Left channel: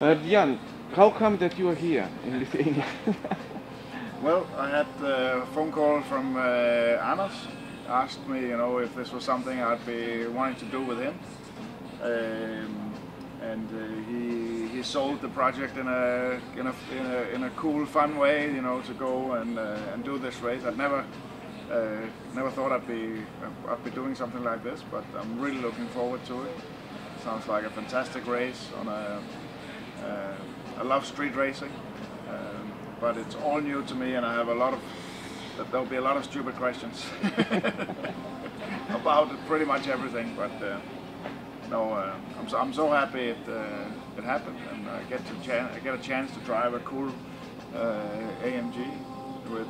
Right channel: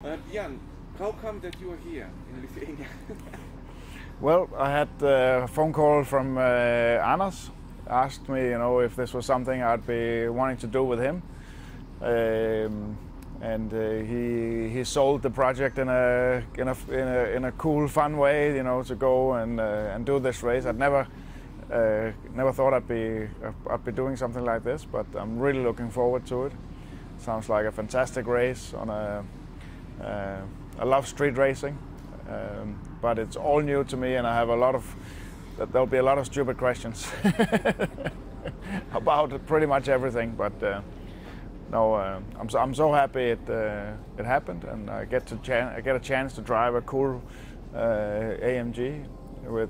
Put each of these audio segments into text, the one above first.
Jan, how come that you are here in Lithuania? Well, I had a phone call from Anders, asked me, if this was something I'd be wanting to do with him, and he sold the project in a cool, fun way, to go and do this race. I'd never thought I'd be doing something like this, but I'm really looking forward to it. Sounds like a fantastic race on I love street racing. But it's all new to me, and I have there'll be a lot of stupid questions about pretty much everything. But no, I'm so happy it happened, and I get a chance to drive a cool AMG with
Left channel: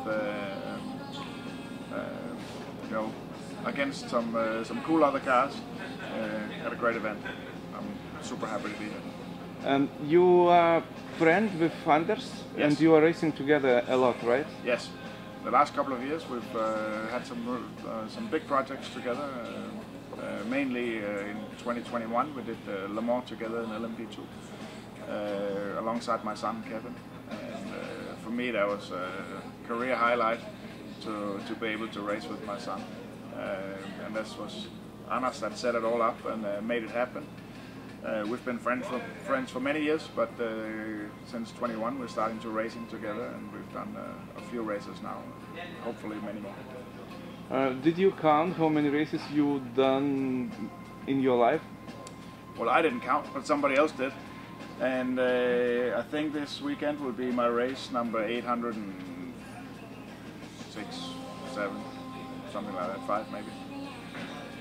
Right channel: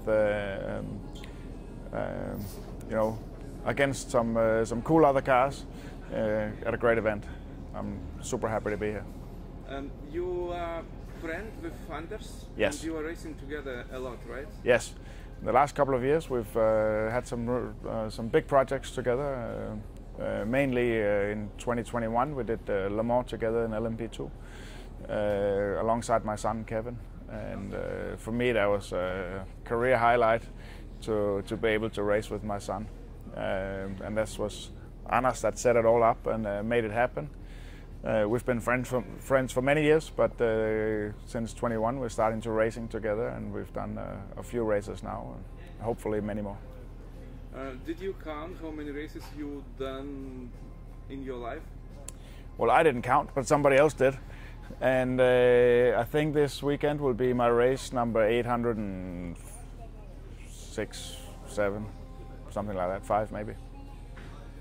against some cool other cars at a great event. I'm super happy to be here. You are friend with Anders, Yes. and you are racing together a lot, right? Yes, the last couple of years we've had some big projects together. Mainly in 2021 we did Le Mans together in LMP2 alongside my son Kevin, and for me that was a career highlight to be able to race with my son, and this was Anders that set it all up and made it happen. We've been friends for many years, but since 21 we're starting to racing together, and we've done a few races now, and hopefully many more. Did you count how many races you've done in your life? Well, I didn't count, but somebody else did, and I think this weekend will be my race number 806, 7, something like that, 5 maybe.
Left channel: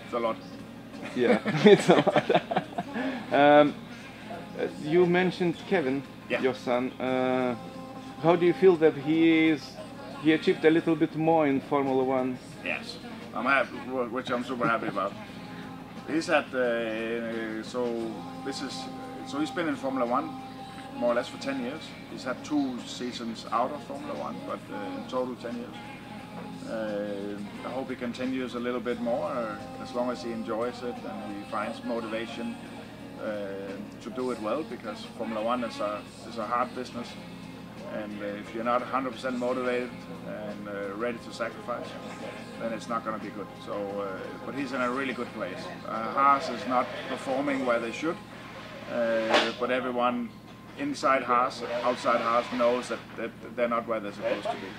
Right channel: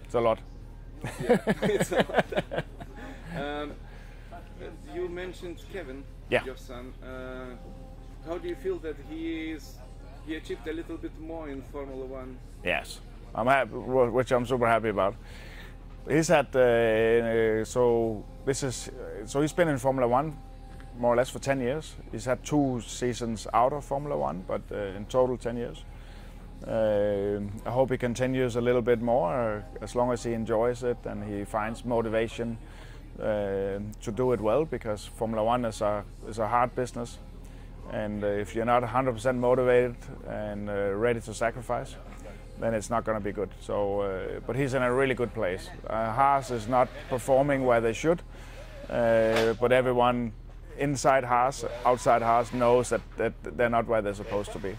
It's a lot. Yeah, it's a lot. You mentioned Kevin, Yeah. your son. How do you feel that he achieved a little bit more in Formula One? Yes, I'm happy, which I'm super happy about. He's had so he's been in Formula One more or less for 10 years. He's had 2 seasons out of Formula One, but in total 10 years. I hope he continues a little bit more, as long as he enjoys it and he finds motivation to do it well, because Formula One is a hard business, and if you're not 100% motivated and ready to sacrifice, then it's not going to be good. So, but he's in a really good place. Haas is not performing where they should, but everyone inside Haas, outside Haas knows that they're not where they're supposed to be.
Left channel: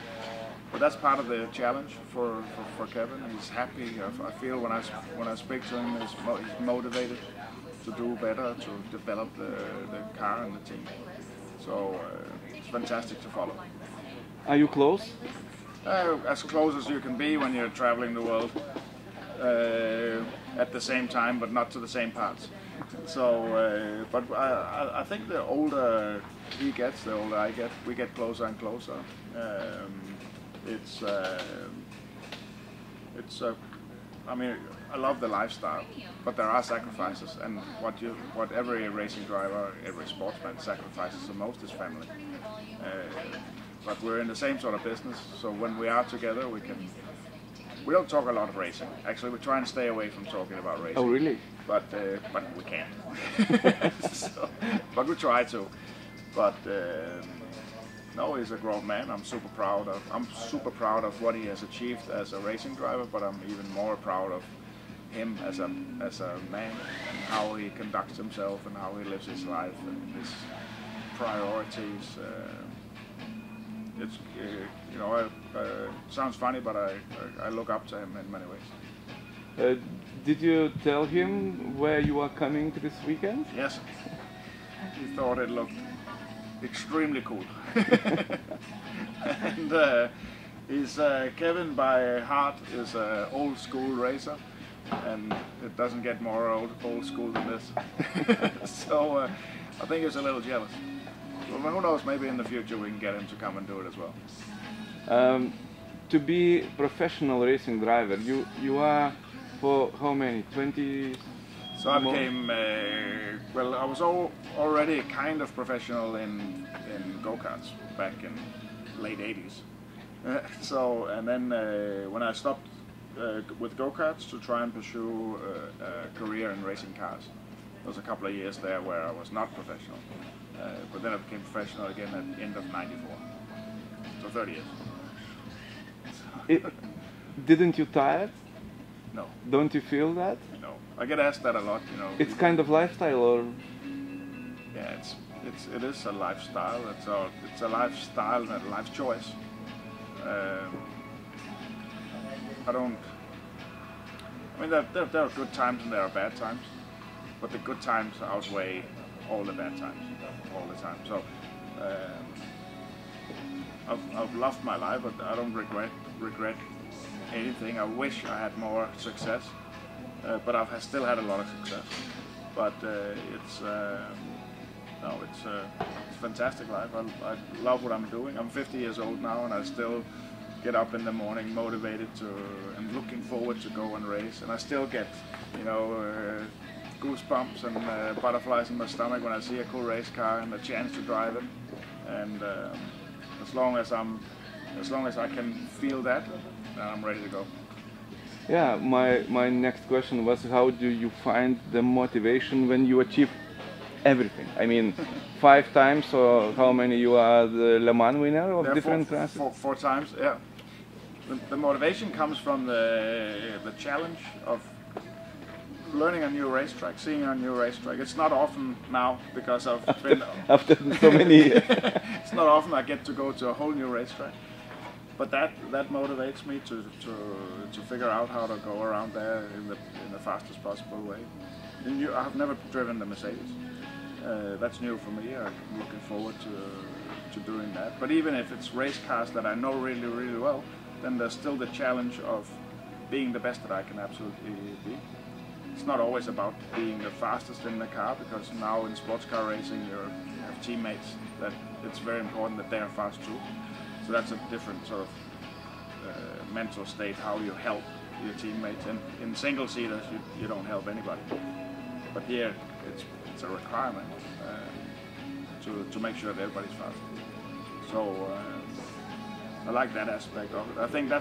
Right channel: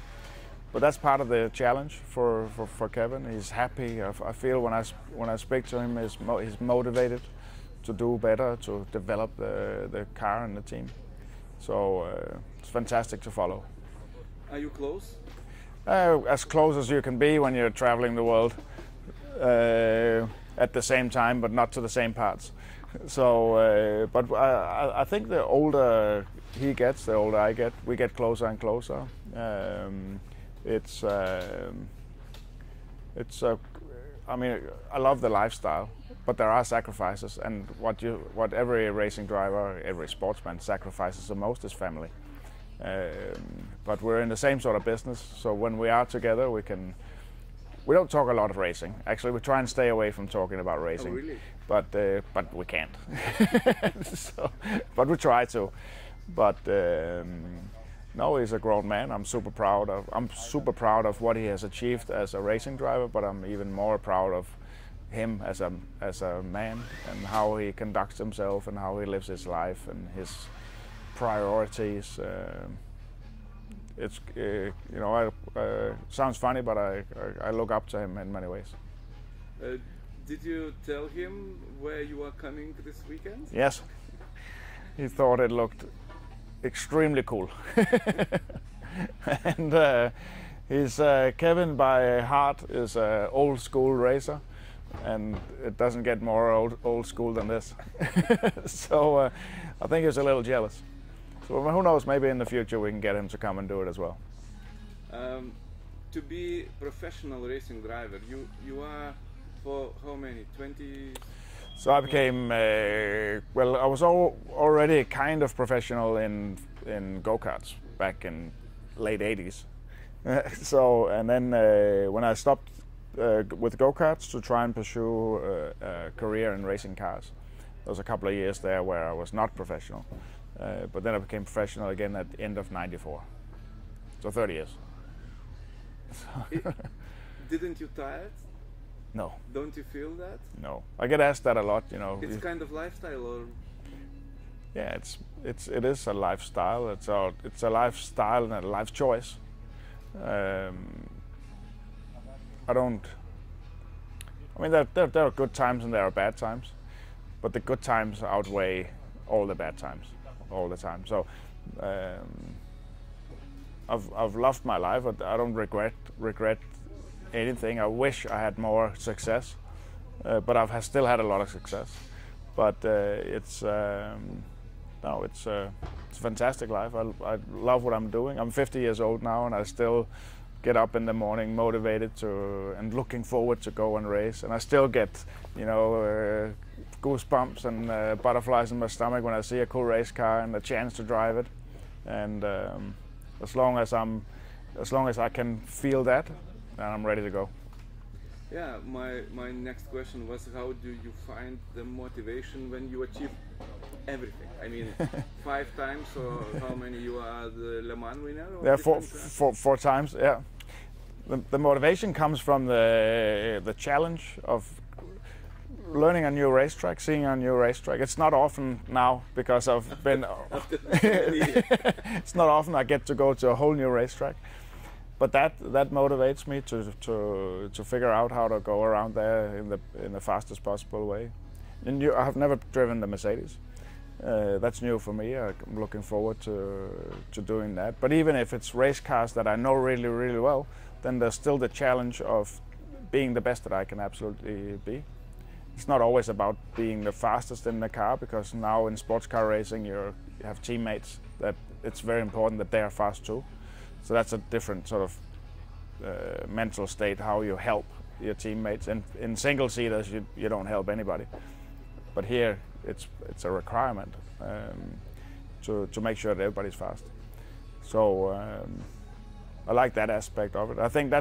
But that's part of the challenge for Kevin. He's happy. I feel when I speak to him, he's motivated to do better, to develop the car and the team. So it's fantastic to follow. Are you close? As close as you can be when you're traveling the world at the same time, but not to the same parts. So, but I think the older he gets, the older I get. We get closer and closer. I mean, I love the lifestyle, but there are sacrifices, and what every racing driver, every sportsman sacrifices the most is family. But we're in the same sort of business, so when we are together, we don't talk a lot of racing. Actually, we try and stay away from talking about racing. Oh, really? But we can't. But we try to. But no, he's a grown man. I'm super proud of what he has achieved as a racing driver, but I'm even more proud of him as a man, and how he conducts himself and how he lives his life and his priorities. It's sounds funny, but I look up to him in many ways. Did you tell him where you are coming this weekend? Yes, he thought it looked extremely cool. And Kevin by heart is an old school racer, and it doesn't get more old school than this. So I think he's a little jealous. So who knows, maybe in the future we can get him to come and do it as well. To be professional racing driver, you are for how many? 20? So I became, well, I was already kind of professional in go-karts back in late 80s. And then when I stopped with go-karts to try and pursue a career in racing cars, there was a couple of years there where I was not professional. But then I became professional again at the end of '94. So 30 years. Didn't you tire? No. Don't you feel that? No. I get asked that a lot, you know. It's kind of lifestyle, or? Yeah, it is a lifestyle. It's a lifestyle and a life choice. I mean, there are good times and there are bad times, but the good times outweigh all the bad times, all the time. So I've loved my life. I don't regret anything. I wish I had more success, but I've still had a lot of success. But it's a fantastic life. I love what I'm doing. I'm 50 years old now, and I still get up in the morning motivated and looking forward to go and race. And I still get, you know, goosebumps and butterflies in my stomach when I see a cool race car and a chance to drive it. And as long as I can feel that, then I'm ready to go. Yeah, my next question was, how do you find the motivation when you achieve everything? I mean, 5 times, or how many you are the Le Mans winner of different classes? Four times, yeah. The motivation comes from the challenge of learning a new racetrack, seeing a new racetrack. It's not often now, because I've been after so many years. It's not often I get to go to a whole new racetrack, but that motivates me to figure out how to go around there in the fastest possible way. I have never driven the Mercedes. That's new for me. I'm looking forward to doing that. But even if it's race cars that I know really, really well, then there's still the challenge of being the best that I can absolutely be. It's not always about being the fastest in the car, because now in sports car racing you have teammates that it's very important that they are fast too. So that's a different sort of mental state, how you help your teammates. And in single seaters you don't help anybody. But here it's a requirement to make sure that everybody's fast. So I like that aspect of it. I think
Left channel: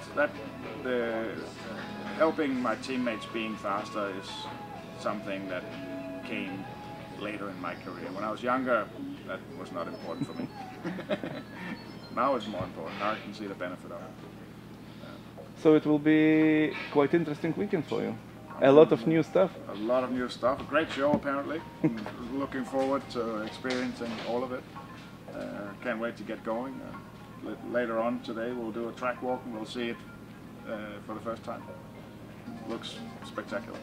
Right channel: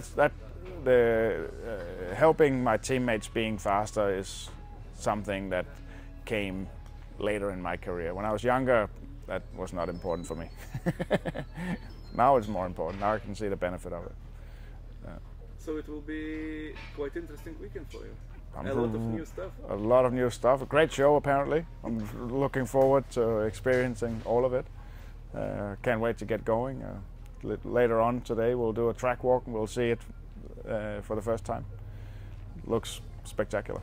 helping my teammates being faster is something that came later in my career. When I was younger, that was not important for me. Now it's more important. Now I can see the benefit of it. So it will be quite interesting weekend for you. A lot of new stuff. A lot of new stuff. A great show, apparently. I'm looking forward to experiencing all of it. Can't wait to get going. Later on today we'll do a track walk and we'll see it for the first time. Looks spectacular.